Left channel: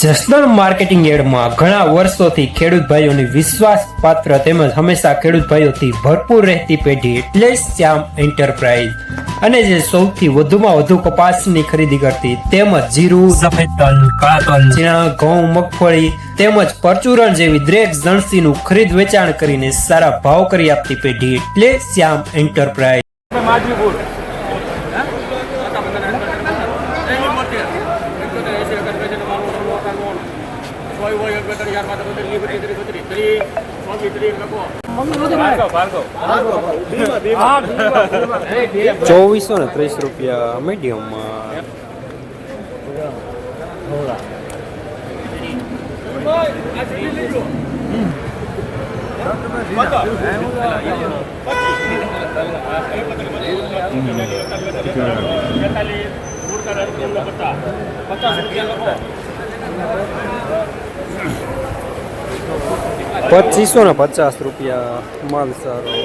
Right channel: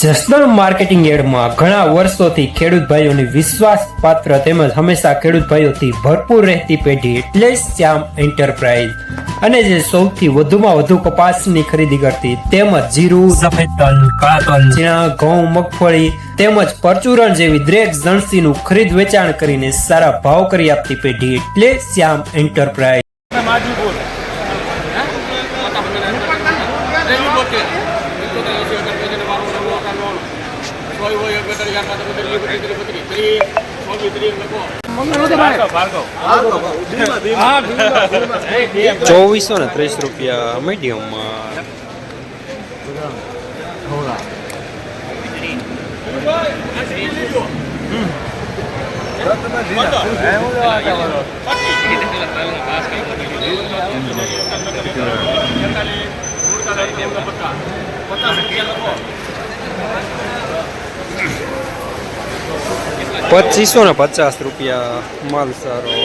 Jasdan marketing યાર્ડમાં ઘણા વર્ષોથી ખેડૂત ભાઈઓની વિશ્વાસપાત્ર તેમજ હંમેશા ખેડૂત ભાઈઓથી ભરપૂર રહેતી પેઢી એટલે શ્યામ એન્ટરપ્રાઇઝ અને જે સૌથી વધુમાં વધુ કપાસની ખરીદી કરતી તેમજ જીરું, સફેદ તલ, કાળા તલ, ચણા, ઘઉં, મગફળી તેમજ પરચુરણ જેવી દરેક જણસીનું ખરીદ વેચાણ કરીને સારા ભાવ કરી આપતી પેઢી એટલે શ્યામ એન્ટરપ્રાઇઝ। ₹2430 મીડિયમમાં ₹2550 માલ સારો।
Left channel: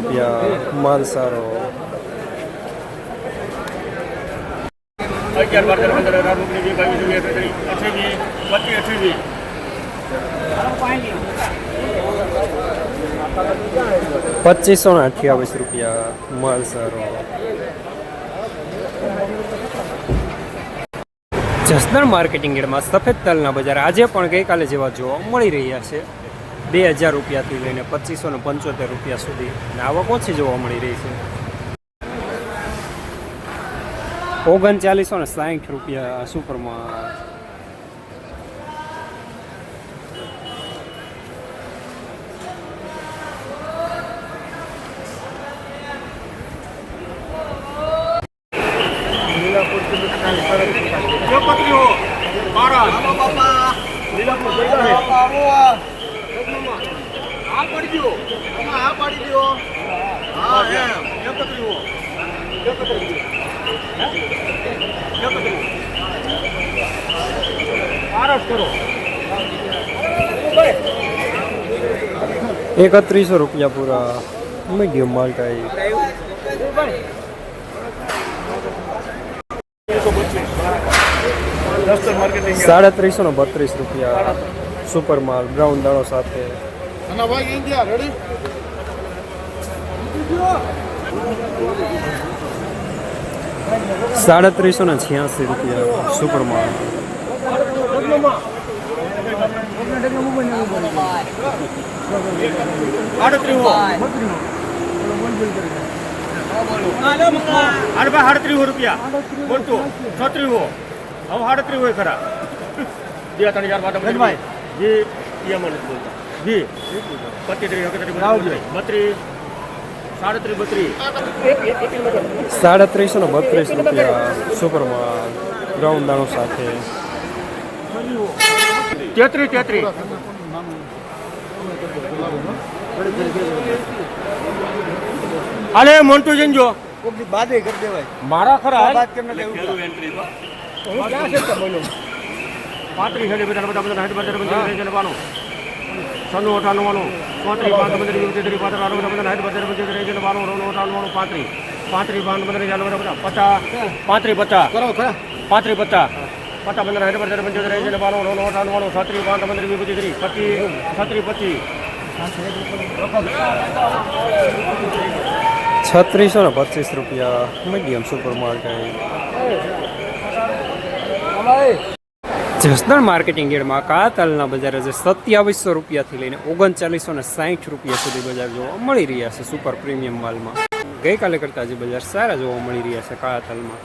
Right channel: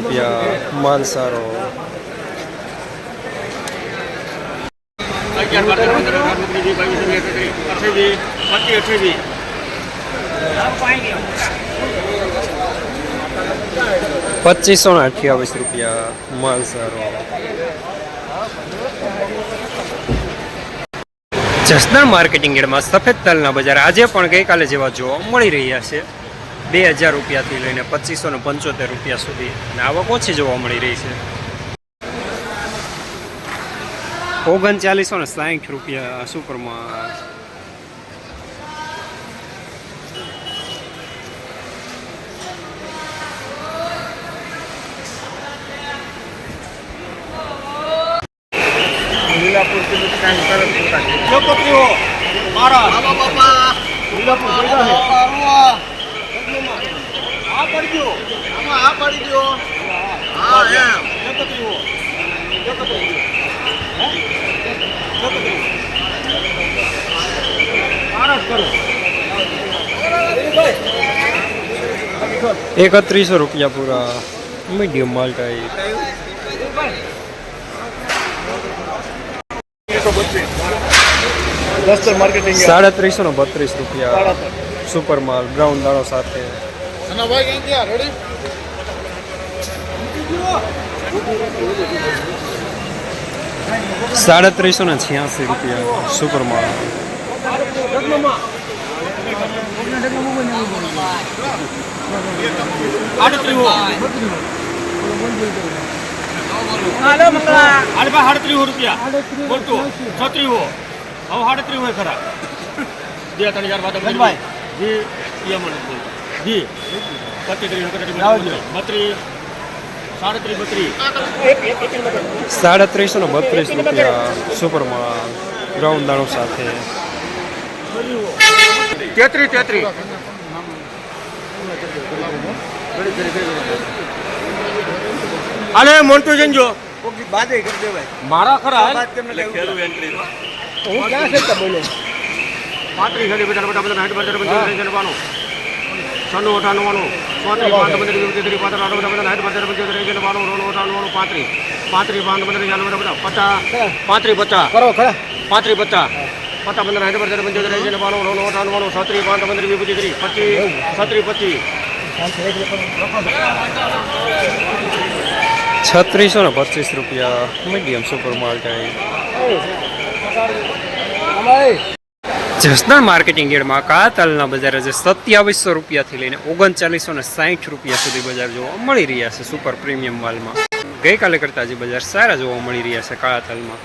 ₹2556 માલ સારો। ₹2528 માલ સારો। જસદણ માર્કેટિંગ યાર્ડમાં સફેદ તલના બજાર આજે પણ ગઈકાલે જેવા જોવા મળી રહ્યા છે। ₹2000 થી લઈને ₹2575 સુધી અને આવક ઓછી જોવા મળી રહી છે। ₹3960 સુપરમાં। ₹3100 પૂરા મીડિયમ માલ ટાઈપ। ₹3332 સુપર માલ બ્રાઉન દાણો સાથે। ₹3386 સુપર માલ। ₹3332 સુપર માલ બ્રાઉન દાણો સાથે। 33 અલે મોન્ટુ જંજો ઓકે બાદે કર દેવાય મારા ખરા વાત કેમ ને ખેડુ એન્ટ્રી માં હું ક્યાં છે બોલો 35 ઘડી બેટા બેટા બધા હેડ બજાર બંધ જનવાનો 96 98 35 પાંચ બંધ બધા હેડ બજાર બંધ જનવાનો 35 35 પાંચ બંધ બધા 50 50 કરો ખરા 35 50 પતા બંધ હેડ બજાર બંધ જનવાનો 98 36 પાંચ બંધ 25 25 ₹3625 મીડિયમ સુપર માલ ટાઈપ। જસદણ માર્કેટિંગ યાર્ડમાં કાળા તલના બજાર આજે ₹2700 થી લઈને ₹3960 સુધી બજાર જોવા મળી રહ્યા છે સુપર પ્રીમિયમ માલમાં। ગઈકાલે કરતા આજે બજાર સારા જોવા મળી રહ્યા છે કાળા તલમાં।